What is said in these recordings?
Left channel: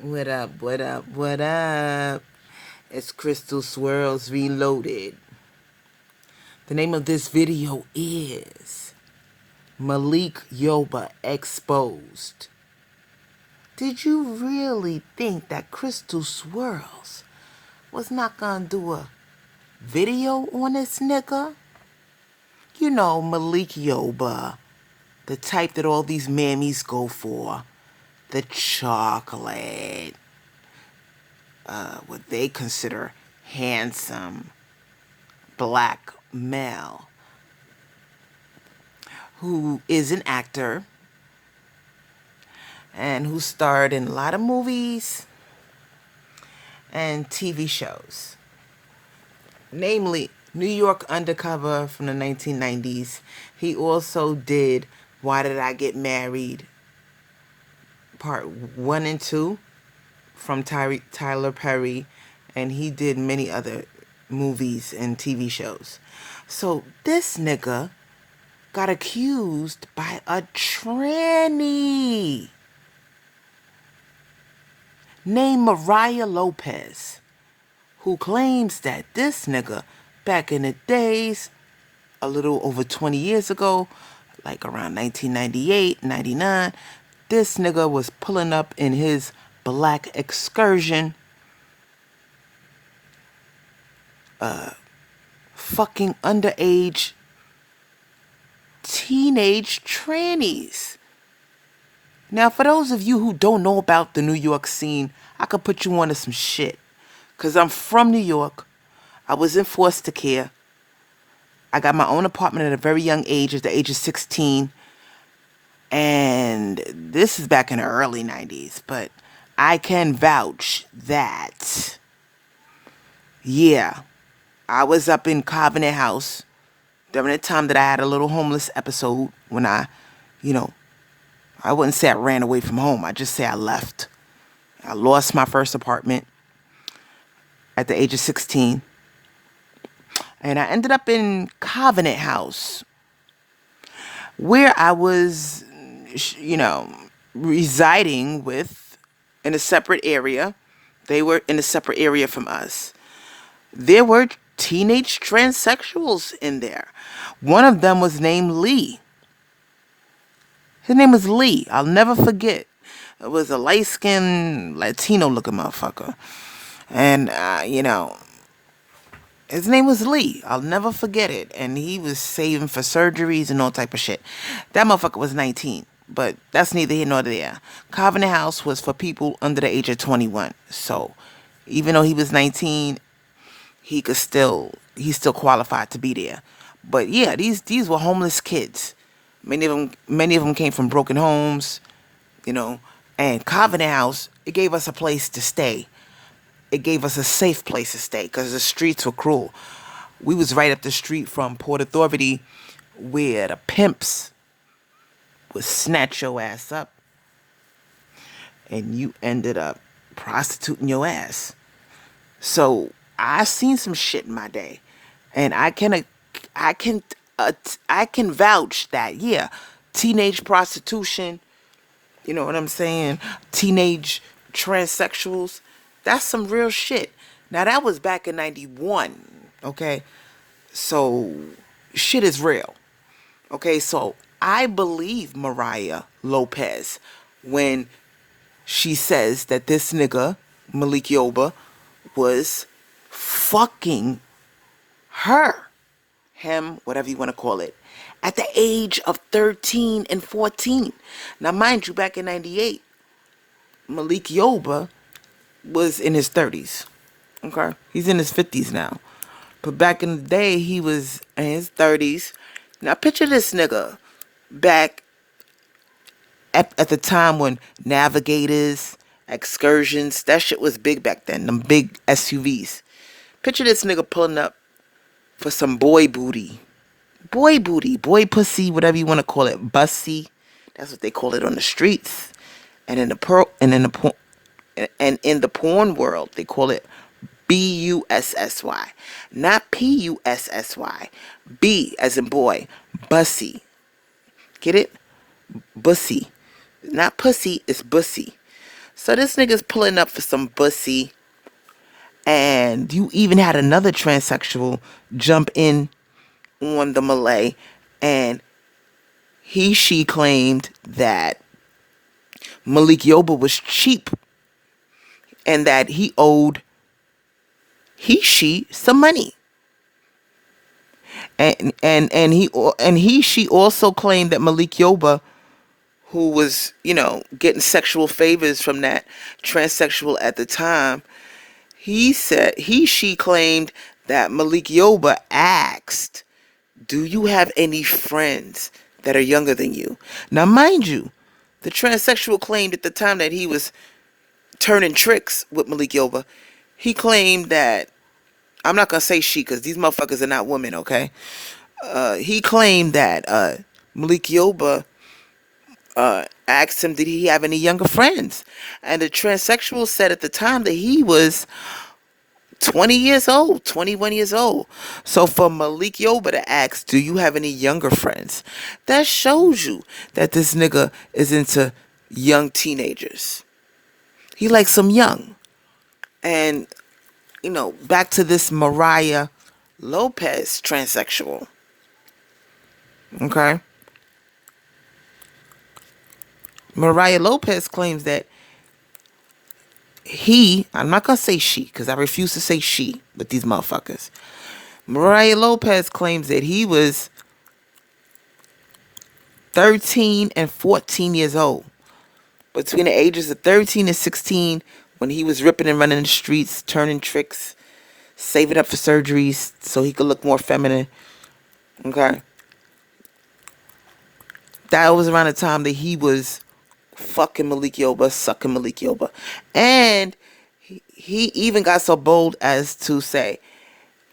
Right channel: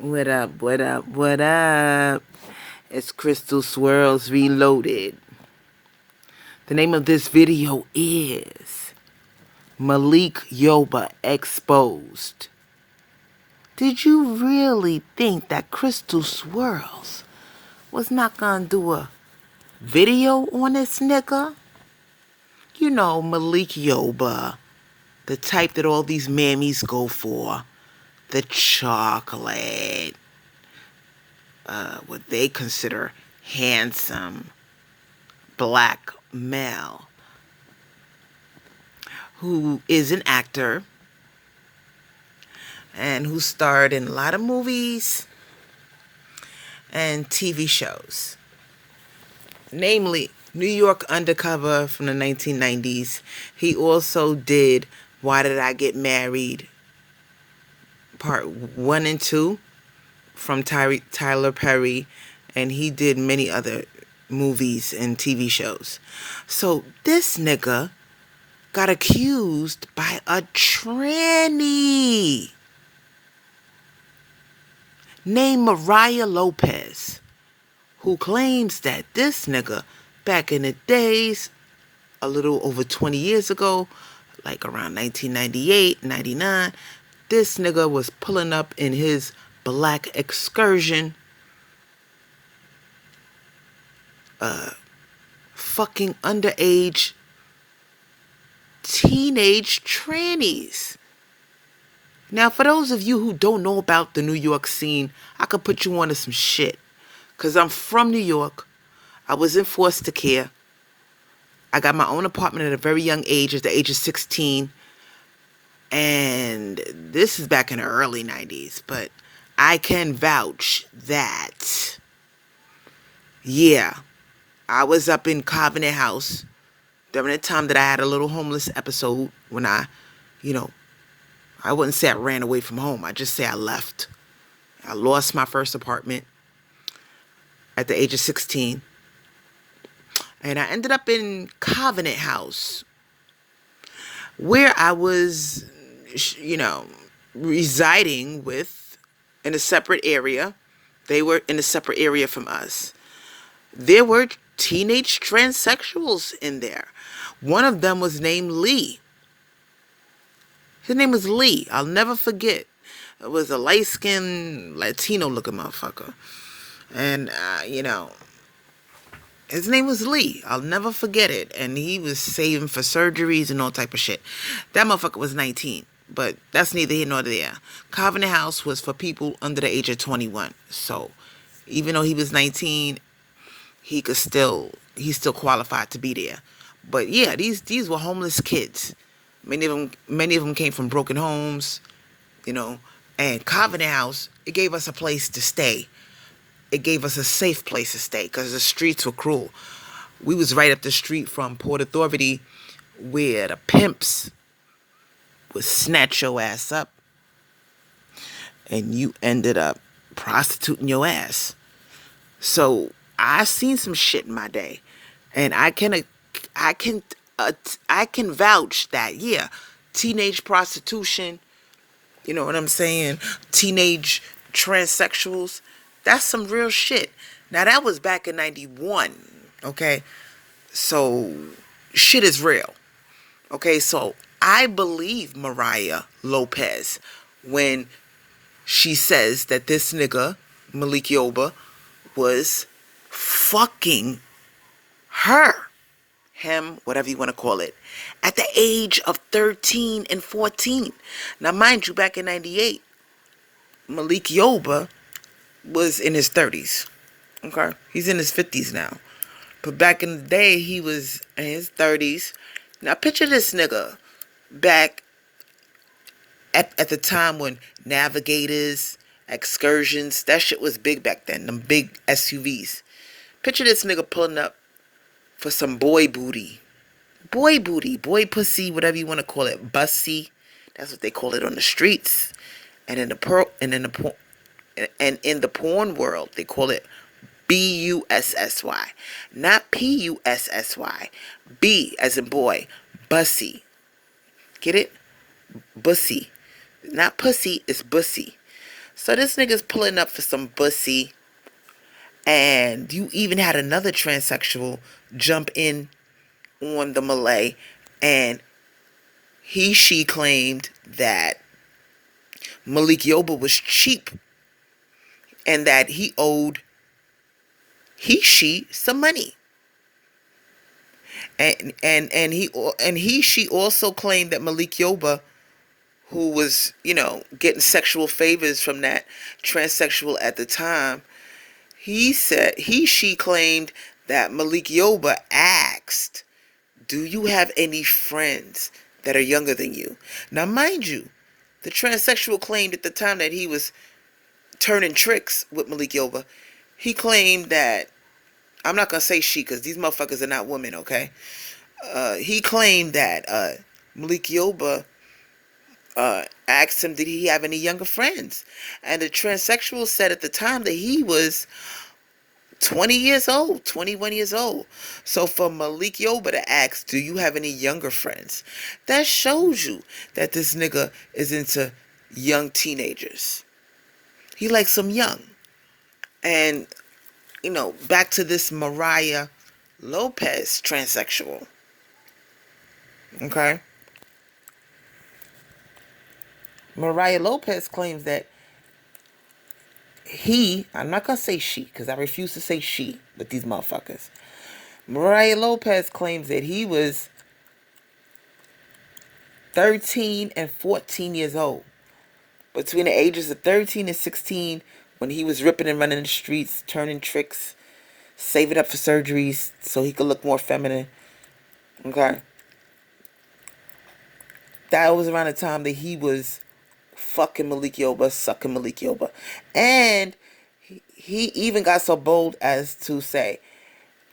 What up, what up, what up? It's Crystal Swirls Reloaded. The name of this video is Malik Yoba Exposed. Did you really think that Crystal Swirls was not gonna do a video on this nigga? You know, Malik Yoba, the type that all these mammies go for. The chocolate. What they consider handsome black male who is an actor and who starred in a lot of movies and TV shows. Namely, New York Undercover from the 1990s. He also did Why Did I Get Married? Part 1 and 2 from Tyler Perry, and he did many other movies and TV shows. So this nigga got accused by a tranny named Mariah Lopez, who claims that this nigga back in the days, a little over 20 years ago, like around 1998, 99, this nigga was pulling up in his black excursion, fucking underage teenage trannies. Now, for those of you who don't know about the New York scene, I could put you onto some shit. Because I'm from New York. I was in foster care. I got my own apartment at a very young age, at the age of 16. And this is back in the early 90s. But I can vouch that, yeah, I was up in Covenant House during the time that I had a little homeless episode when I wouldn't say I ran away from home. I just say I left. I lost my first apartment at the age of 16. And I ended up in Covenant House, where I was, residing with in a separate area. They were in a separate area from us. There were teenage transsexuals in there. One of them was named Lee. His name was Lee. I'll never forget. It was a light-skinned, Latino-looking motherfucker. And, his name was Lee. I'll never forget it. And he was saving for surgeries and all type of shit. That motherfucker was 19. But that's neither here nor there. Covenant House was for people under the age of 21. So, even though he was 19, he still qualified to be there. But yeah, these were homeless kids. Many of them came from broken homes, and Covenant House, it gave us a place to stay. It gave us a safe place to stay because the streets were cruel. We was right up the street from Port Authority, where the pimps would snatch your ass up and you ended up prostituting your ass. So I seen some shit in my day, and I can vouch that, yeah, teenage prostitution, you know what I'm saying? Teenage transsexuals, that's some real shit. Now that was back in 91, okay? So shit is real. Okay, so I believe Mariah Lopez when she says that this nigga, Malik Yoba, was fucking her, him, whatever you want to call it, at the age of 13 and 14. Now, mind you, back in 98, Malik Yoba was in his 30s. Okay? He's in his 50s now. But back in the day, he was in his 30s. Now, picture this nigga back at the time when Navigators, Excursions, that shit was big back then, them big SUVs. Picture this nigga pulling up for some boy booty. Boy booty, boy pussy, whatever you want to call it. Bussy. That's what they call it on the streets. And in the porn world, they call it Bussy. Not Pussy. B as in boy. Bussy. Get it? Bussy. Not pussy, it's bussy. So this nigga's pulling up for some pussy, and you even had another transsexual jump in on the Malay, and she claimed that Malik Yoba was cheap and that he owed she some money. She also claimed that Malik Yoba, who was, getting sexual favors from that transsexual at the time, she claimed that Malik Yoba asked, "Do you have any friends that are younger than you?" Now, mind you, the transsexual claimed at the time that he was turning tricks with Malik Yoba. He claimed that, I'm not going to say she because these motherfuckers are not women, okay? He claimed that Malik Yoba asked him, did he have any younger friends? And the transsexual said at the time that he was 20 years old, 21 years old. So for Malik Yoba to ask, do you have any younger friends? That shows you that this nigga is into young teenagers. He likes them young. And, back to this Mariah Lopez transsexual. Okay? Mariah Lopez claims that I'm not going to say she, because I refuse to say she with these motherfuckers. Mariah Lopez claims that he was 13 and 14 years old. Between the ages of 13 and 16, when he was ripping and running the streets, turning tricks, saving up for surgeries so he could look more feminine. Okay? That was around the time that he was fucking Malik Yoba, sucking Malik Yoba. And he even got so bold as to say,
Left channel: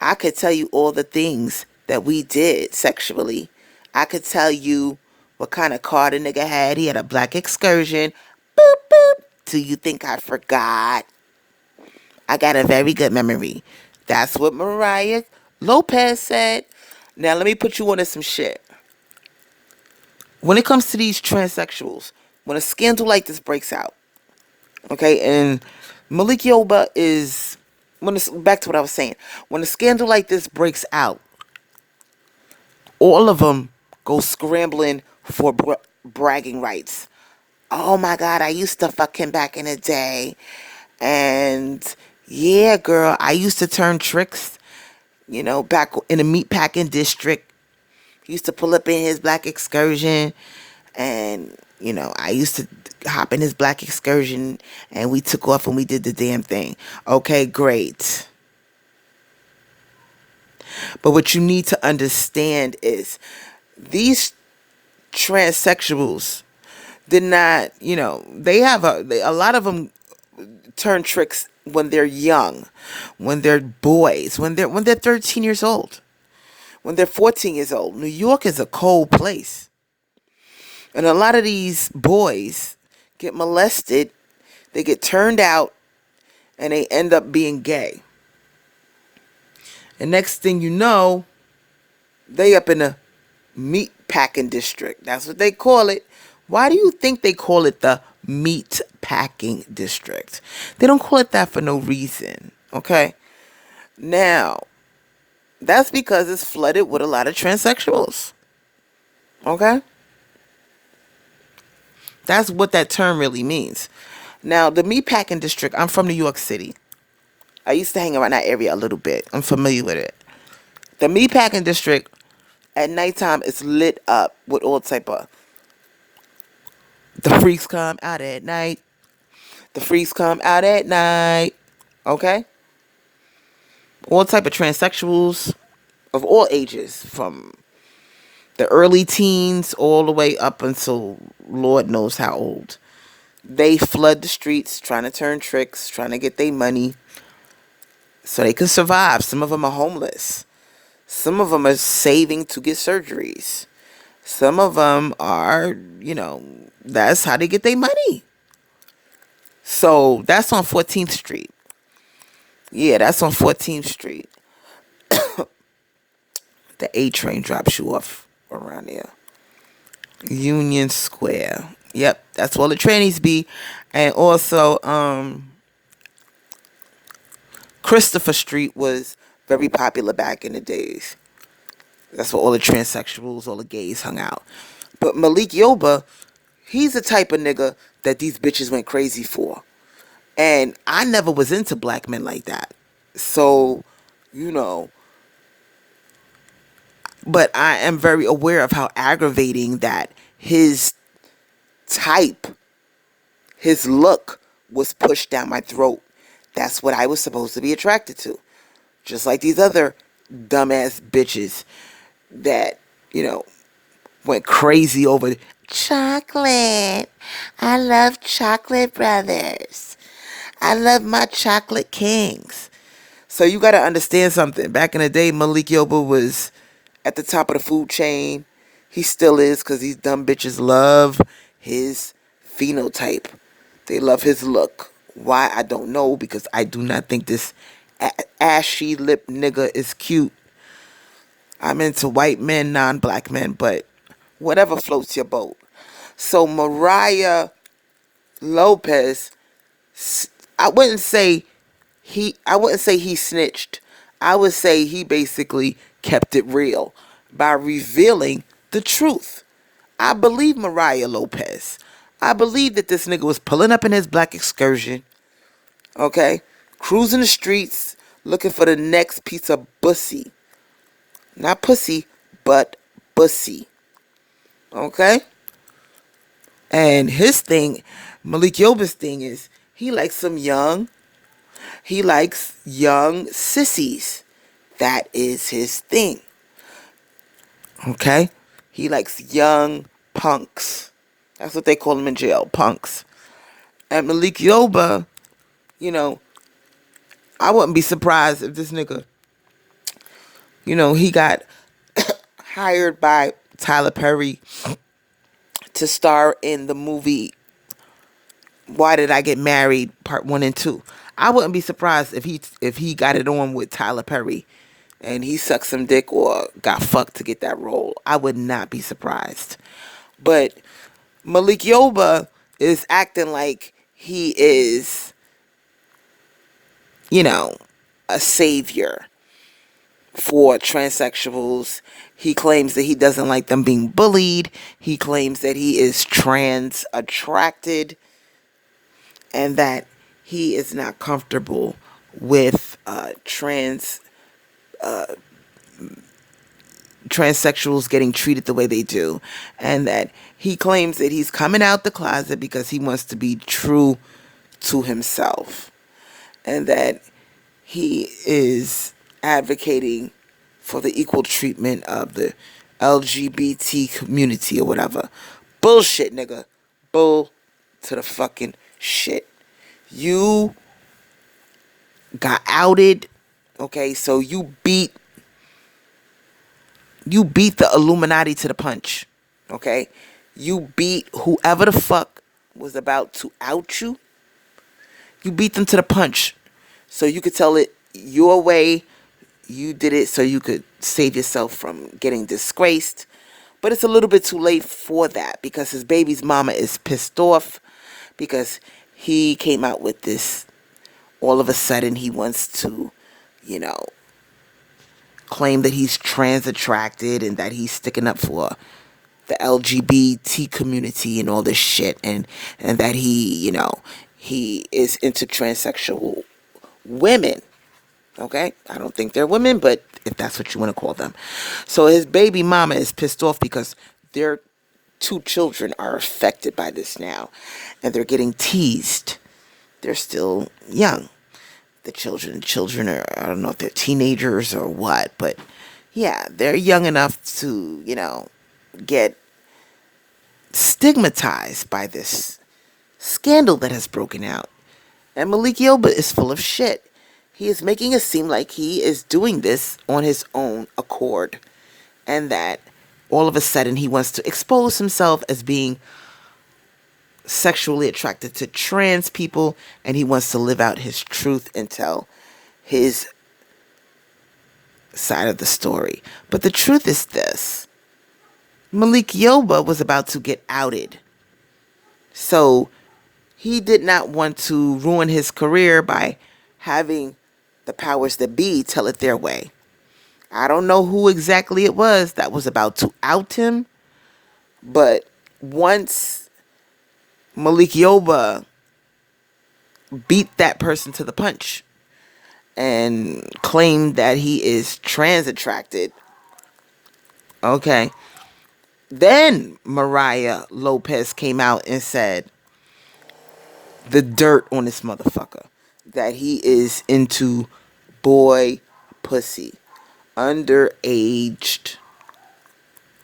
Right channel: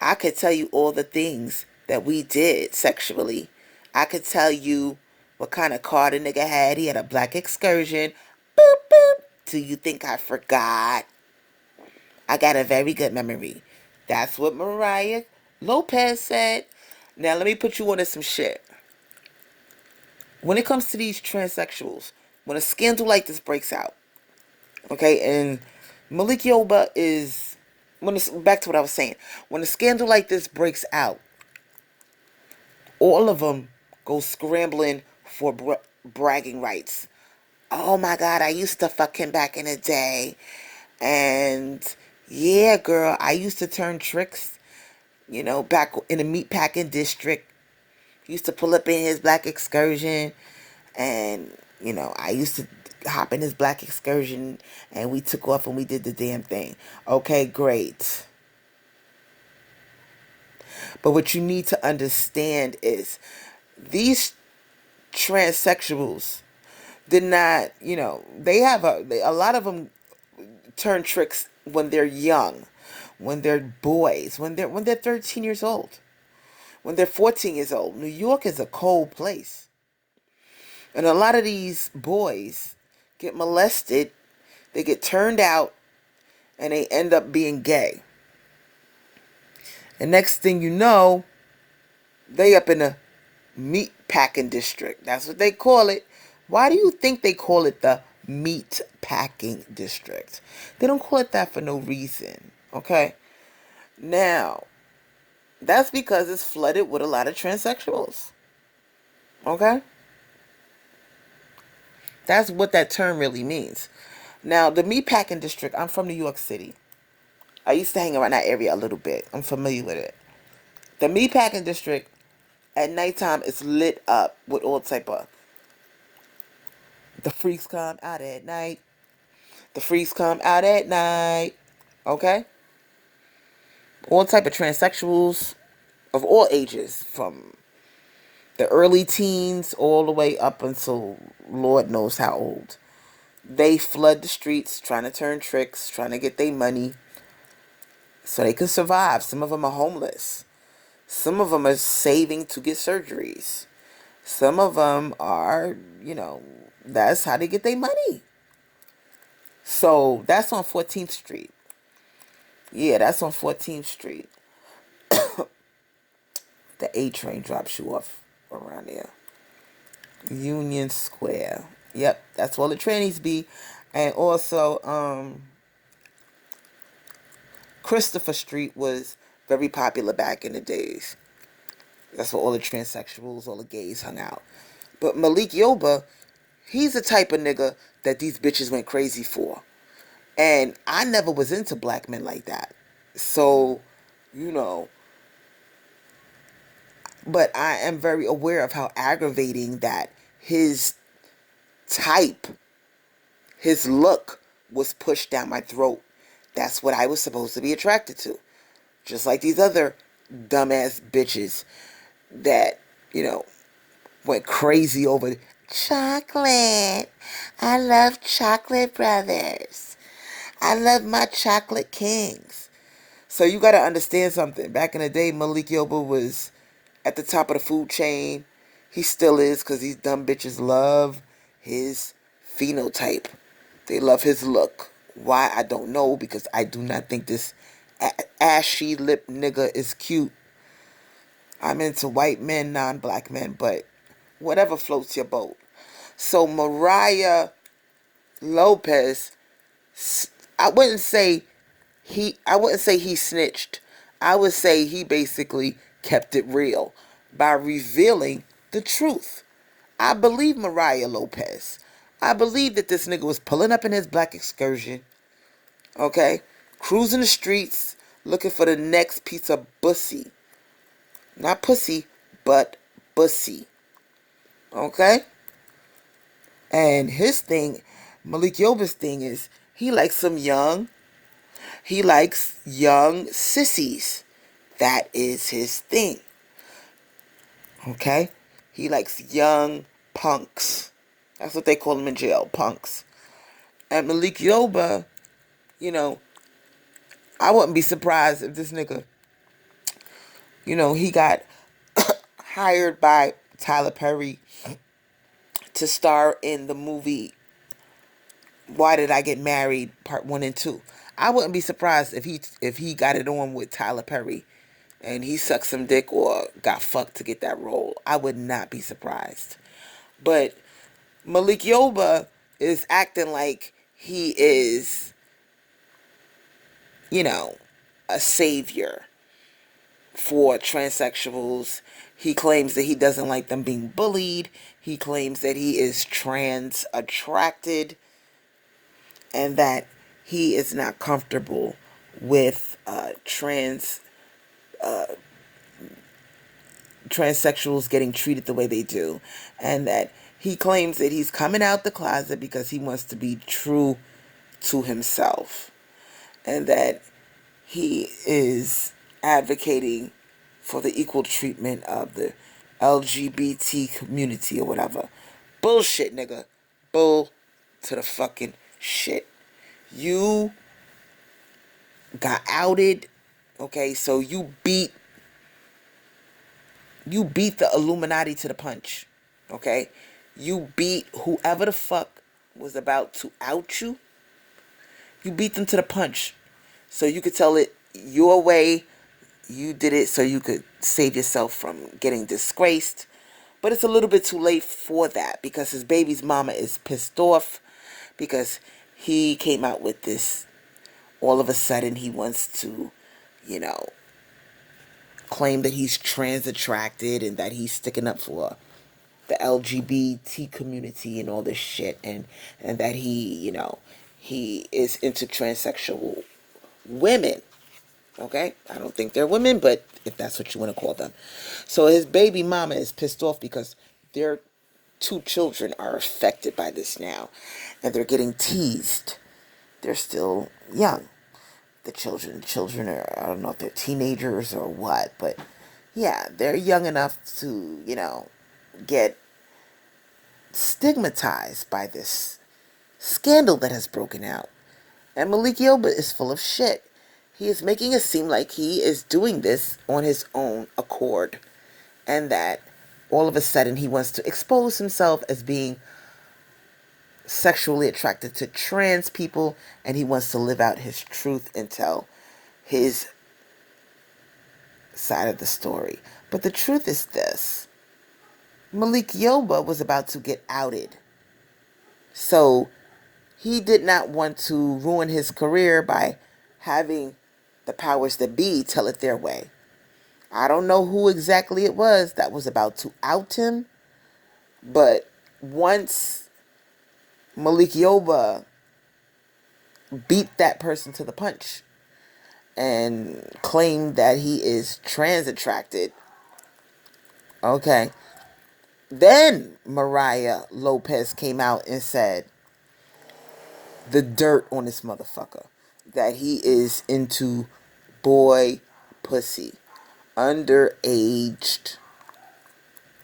I could tell you all the things that we did sexually. I could tell you what kind of car the nigga had. He had a black Excursion. Boop, boop. Do you think I forgot? I got a very good memory. That's what Mariah Lopez said. Now let me put you on to some shit. When it comes to these transsexuals, when a scandal like this breaks out, okay, and Malik Yoba is, back to what I was saying, when a scandal like this breaks out, all of them go scrambling for bragging rights. Oh my God, I used to fuck him back in the day. And yeah, girl, I used to turn tricks, back in the Meatpacking district. He used to pull up in his black Excursion, and, I used to hop in his black Excursion, and we took off and we did the damn thing. Okay, great. But what you need to understand is these transsexuals did not, they have a lot of them turn tricks when they're young, when they're boys, when they're 13 years old, when they're 14 years old. New York is a cold place. And a lot of these boys get molested, they get turned out, and they end up being gay. And next thing you know, they up in a Meatpacking district. That's what they call it. Why do you think they call it the Meatpacking district? They don't call it that for no reason. Okay? Now, that's because it's flooded with a lot of transsexuals. Okay? That's what that term really means. Now, the Meatpacking district, I'm from New York City. I used to hang around that area a little bit. I'm familiar with it. The Meatpacking district, at nighttime, is lit up with all type of, the freaks come out at night. The freaks come out at night. Okay? All type of transsexuals of all ages, from the early teens all the way up until Lord knows how old. They flood the streets trying to turn tricks, trying to get their money so they can survive. Some of them are homeless. Some of them are saving to get surgeries. Some of them are, that's how they get their money. So that's on 14th Street. Yeah, that's on 14th Street. The A train drops you off around there. Union Square. Yep, that's where the trannies be. And also, Christopher Street was very popular back in the days. That's where all the transsexuals, all the gays hung out. But Malik Yoba, he's the type of nigga that these bitches went crazy for. And I never was into black men like that. So, you know, but I am very aware of how aggravating that his type, his look was pushed down my throat. That's what I was supposed to be attracted to. Just like these other dumbass bitches that, went crazy over chocolate. I love chocolate brothers. I love my chocolate kings. So you got to understand something. Back in the day, Malik Yoba was at the top of the food chain. He still is, because these dumb bitches love his phenotype. They love his look. Why, I don't know, because I do not think this ashy lip nigga is cute. I'm into white men, non-black men, but whatever floats your boat. So Mariah Lopez, I wouldn't say he snitched. I would say he basically kept it real by revealing the truth. I believe Mariah Lopez. I believe that this nigga was pulling up in his black excursion, okay, cruising the streets looking for the next piece of bussy. Not pussy, but bussy. Okay? And his thing, Malik Yoba's thing is, he likes young sissies. That is his thing. Okay? He likes young punks. That's what they call them in jail, punks. And Malik Yoba, I wouldn't be surprised if this nigga, he got hired by Tyler Perry to star in the movie Why Did I Get Married Part 1 and 2. I wouldn't be surprised if he got it on with Tyler Perry and he sucked some dick or got fucked to get that role. I would not be surprised. But Malik Yoba is acting like he is, a savior for transsexuals. He claims that he doesn't like them being bullied. He claims that he is trans attracted and that he is not comfortable with transsexuals getting treated the way they do, and that he claims that he's coming out the closet because he wants to be true to himself, and that he is advocating for the equal treatment of the LGBT community or whatever. Bullshit, nigga. Bull to the fucking shit. You got outed, okay? So you beat the Illuminati to the punch, okay? You beat whoever the fuck was about to out you. You beat them to the punch. So you could tell it your way. You did it so you could save yourself from getting disgraced. But it's a little bit too late for that because his baby's mama is pissed off because he came out with this. All of a sudden he wants to, claim that he's trans attracted and that he's sticking up for the LGBT community and all this shit, and that he is into transsexual women. Okay? I don't think they're women, but if that's what you want to call them. So his baby mama is pissed off because their two children are affected by this now, and they're getting teased. They're still young. The children are, I don't know if they're teenagers or what, but yeah, they're young enough to, get stigmatized by this scandal that has broken out. And Malik Yoba is full of shit. He is making it seem like he is doing this on his own accord, and that all of a sudden he wants to expose himself as being sexually attracted to trans people, and he wants to live out his truth and tell his side of the story. But the truth is this: Malik Yoba was about to get outed. So he did not want to ruin his career by having the powers that be tell it their way. I don't know who exactly it was that was about to out him, but once Malik Yoba beat that person to the punch and claimed that he is trans attracted, okay, then Mariah Lopez came out and said the dirt on this motherfucker, that he is into boy pussy, underaged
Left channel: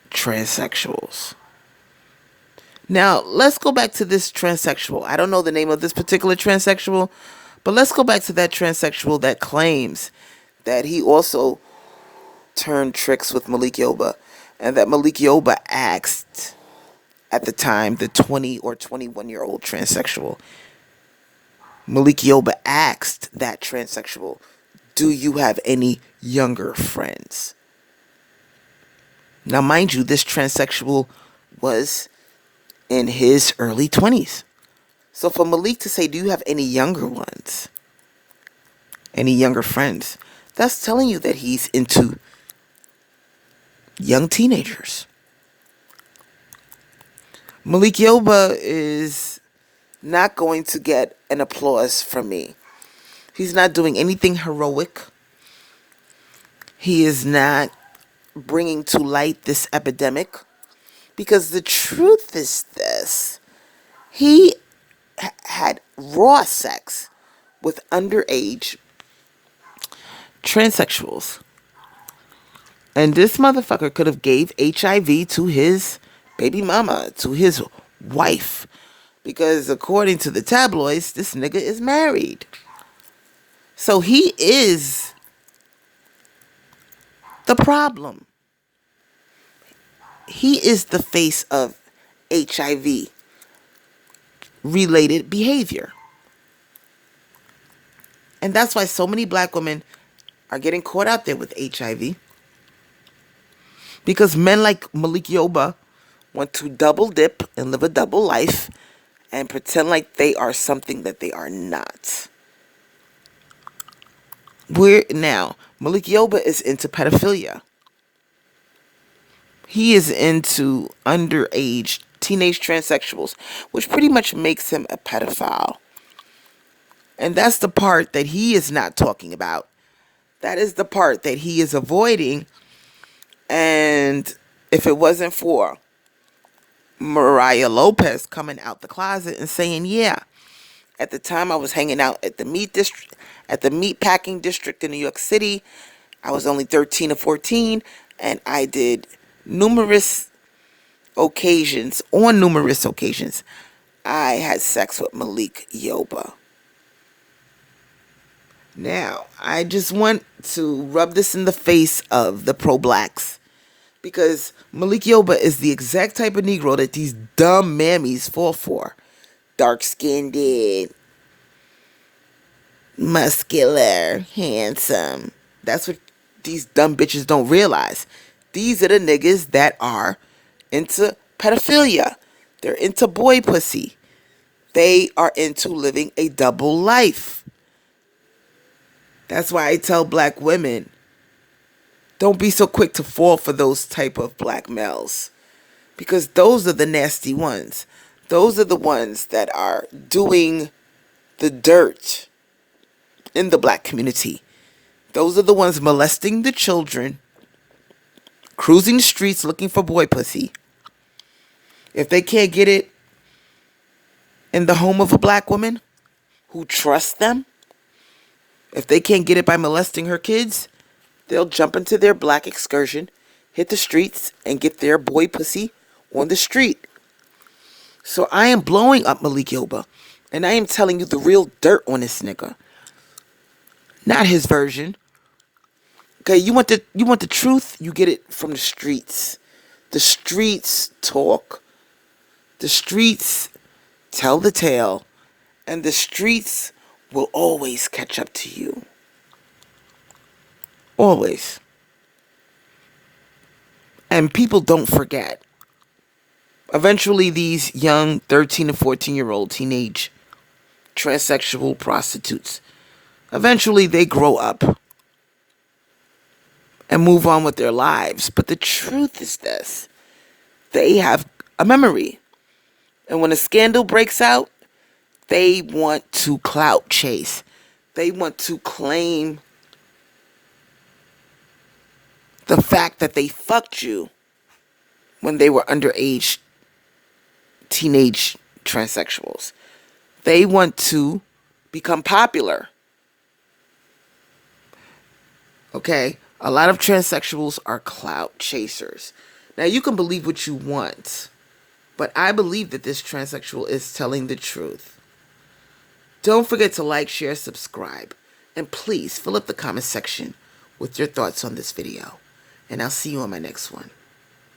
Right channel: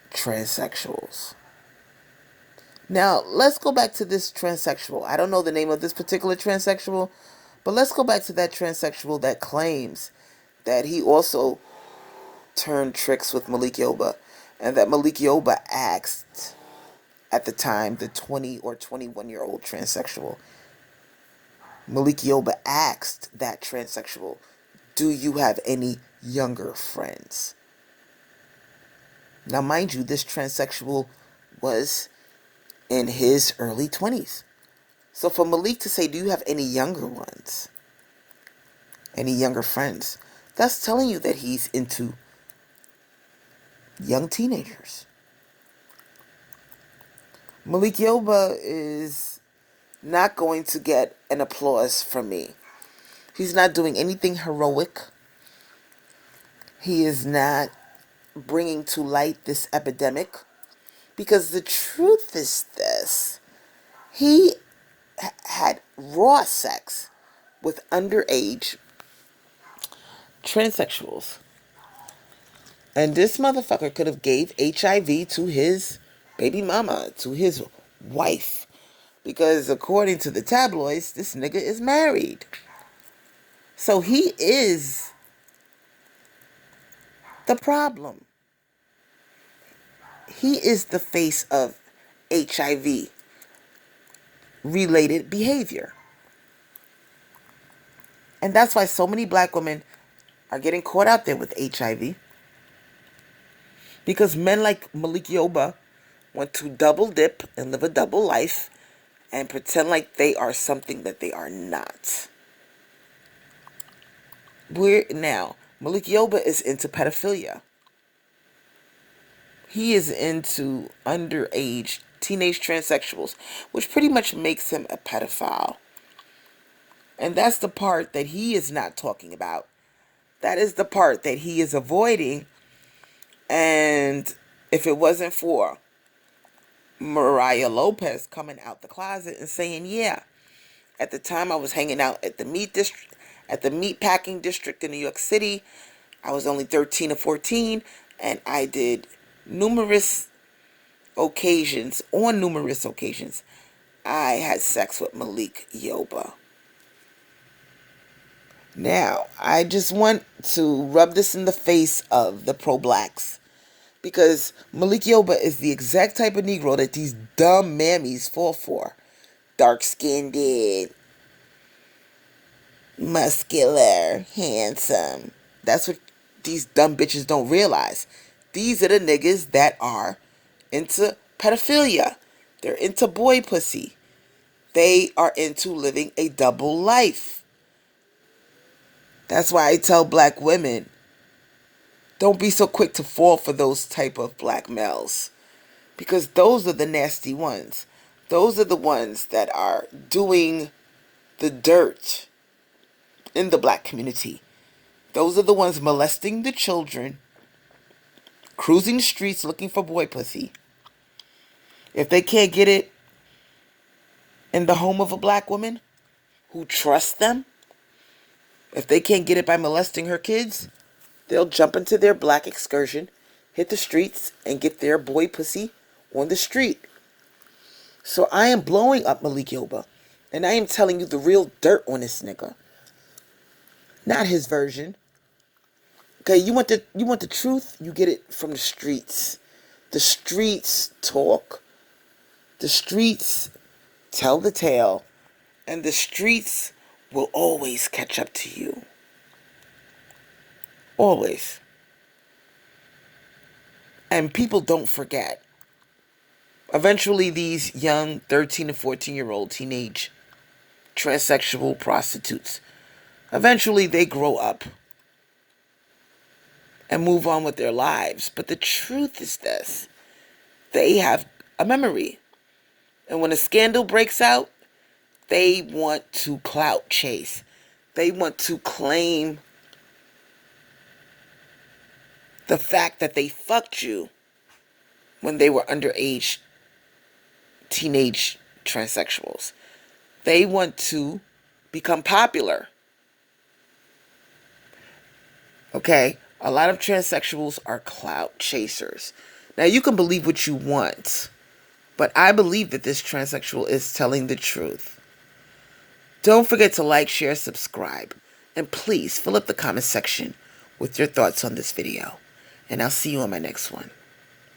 transsexuals. Now, let's go back to this transsexual. I don't know the name of this particular transsexual, but let's go back to that transsexual that claims that he also turned tricks with Malik Yoba, and that Malik Yoba asked, at the time, the 20 or 21-year-old transsexual, Malik Yoba asked that transsexual, do you have any younger friends? Now, mind you, this transsexual was in his early 20s. So for Malik to say, do you have any younger ones? Any younger friends? That's telling you that he's into young teenagers. Malik Yoba is not going to get an applause from me. He's not doing anything heroic. He is not bringing to light this epidemic. Because the truth is this. He had raw sex with underage transsexuals. And this motherfucker could have gave HIV to his baby mama, to his wife. Because according to the tabloids, this nigga is married. So he is the problem. He is the face of HIV related behavior. And that's why so many black women are getting caught out there with HIV. Because men like Malik Yoba want to double dip and live a double life and pretend like they are something that they are not. Now, Malik Yoba is into pedophilia. He is into underage teenage transsexuals, which pretty much makes him a pedophile. And that's the part that he is not talking about. That is the part that he is avoiding. And if it wasn't for Mariah Lopez coming out the closet and saying, yeah, at the time I was hanging out at the Meatpacking district in New York City. I was only 13 or 14, and I did on numerous occasions, I had sex with Malik Yoba. Now, I just want to rub this in the face of the pro-blacks, because Malik Yoba is the exact type of Negro that these dumb mammies fall for. Dark-skinned, muscular, handsome. That's what these dumb bitches don't realize. These are the niggas that are into pedophilia. They're into boy pussy. They are into living a double life. That's why I tell black women, don't be so quick to fall for those type of black males. Because those are the nasty ones. Those are the ones that are doing the dirt in the black community. Those are the ones molesting the children, cruising the streets looking for boy pussy. If they can't get it in the home of a black woman who trusts them, if they can't get it by molesting her kids, they'll jump into their black excursion, hit the streets, and get their boy pussy on the street. So I am blowing up Malik Yoba, and I am telling you the real dirt on this nigga. Not his version. Okay, you want the truth? You get it from the streets. The streets talk. The streets tell the tale. And the streets will always catch up to you. Always. And people don't forget. Eventually, these young 13 to 14-year-old teenage transsexual prostitutes. Eventually, they grow up and move on with their lives. But the truth is this: they have a memory. And when a scandal breaks out, they want to clout chase. They want to claim the fact that they fucked you when they were underage teenage transsexuals. They want to become popular. Okay? A lot of transsexuals are clout chasers. Now, you can believe what you want, but I believe that this transsexual is telling the truth. Don't forget to like, share, subscribe, and please fill up the comment section with your thoughts on this video. And I'll see you on my next one.